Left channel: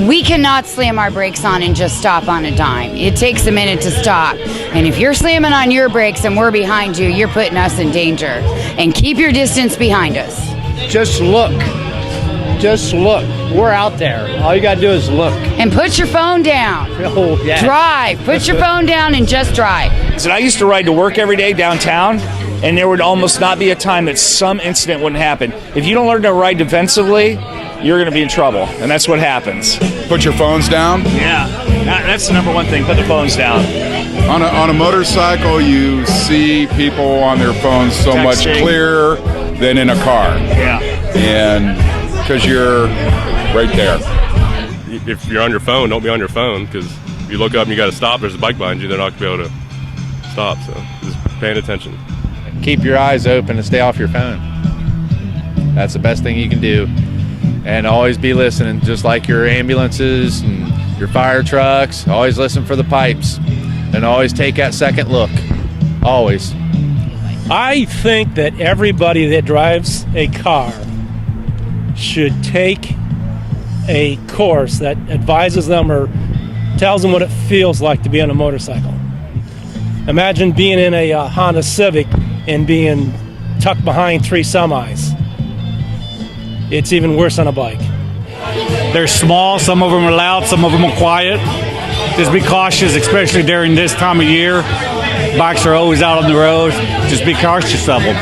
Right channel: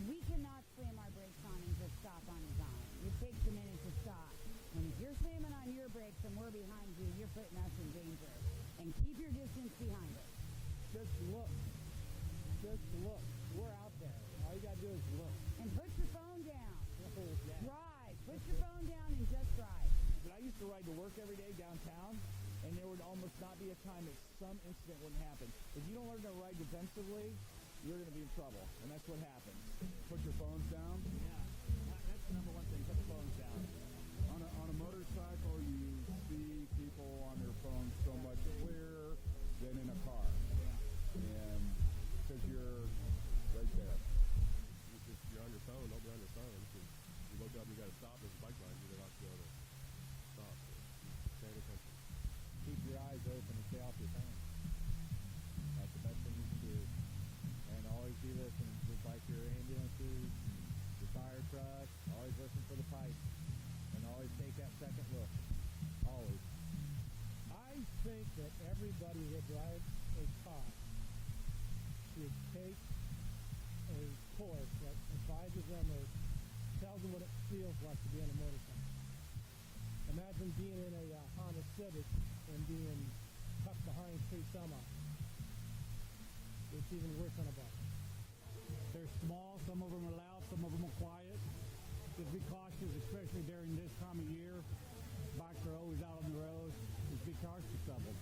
We cannot slam our brakes on and just stop on a dime. It takes a minute to stop. And if you're slamming on your brakes and we're behind you, you're putting us in danger. And keep your distance behind us. Just look. Just look. We're out there. All you got to do is look. And put your phone down. Oh, yeah. Drive. Put your phone down and just drive. I used to ride to work every day downtown, and there would almost not be a time that some incident wouldn't happen. If you don't learn to ride defensively, you're going to be in trouble, and that's what happens. Put your phones down. Yeah, that's the number one thing, put the phones down. On a motorcycle, you see people on their phones so Texting. much clearer than in a car. Yeah. And because you're right there. If you're on your phone, don't be on your phone, because if you look up and you got to stop, there's a bike behind you, they're not going to be able to stop. So just paying attention. Keep your eyes open and stay off your phone. That's the best thing you can do. And always be listening, just like your ambulances and your fire trucks. Always listen for the pipes and always take that second look. Always. I think that everybody that drives a car should take a course that advises them or tells them what it feels like to be on a motorcycle. Imagine being in a Honda Civic and being tucked behind 3 semis. It's even worse on a bike. They're small, some of them are loud, some of them are quiet. Just be cautious, especially during this time of year. Bikes are always out on the road. Just be cautious of them.